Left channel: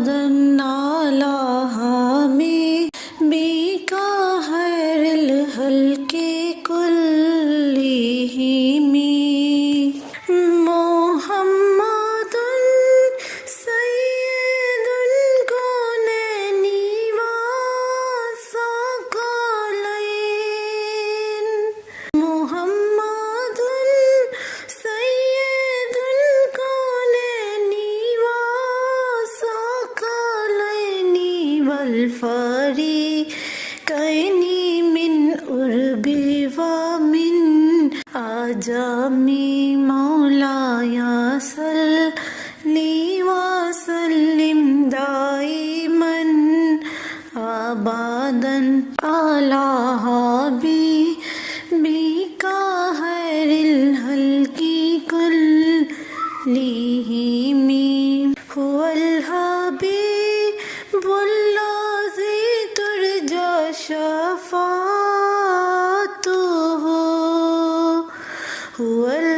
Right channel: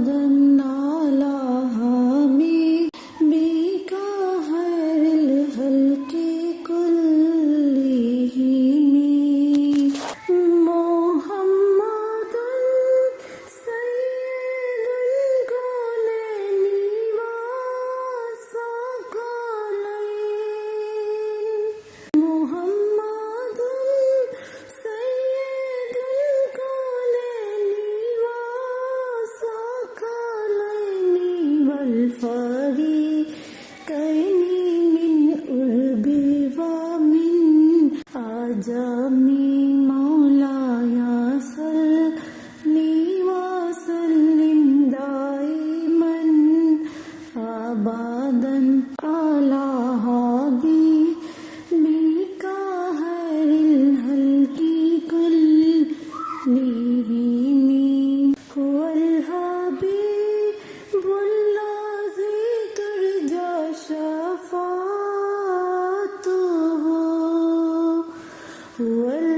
नाला हमें बीका हैरिल हल्के कुल्लिहिमी मोहम्मदुन सय्यदुन कौनैनि व सकलैन मोहम्मदुन सय्यदुन कौनैनि व सकलैनि वल फरीक़ैनि मिन उर्बि व मिन आजमी मौलाया सल्लि व सल्लिम दाइमन अबदन अला हबीबिका खैरिल खल्क़ि कुल्लिहिमी हुवल हबीबुल्लज़ी तुरजा शफ़ाअतुहु हुवल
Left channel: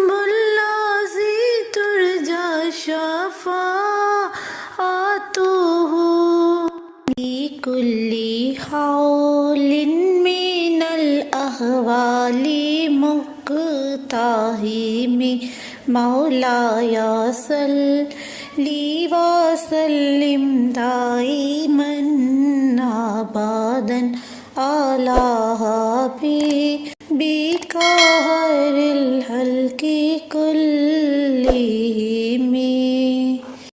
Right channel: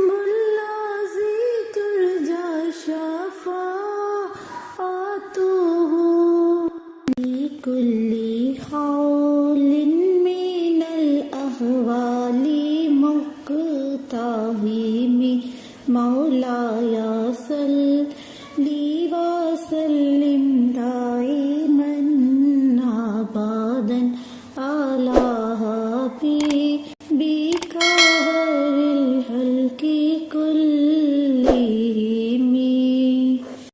हबीबुल्लज़ी तुरजा शफ़ाअतुहु बिकुल्लि हौलिन मिनल अहवालि मुक़्ताहिमी मौलाया सल्लि व सल्लिम दाई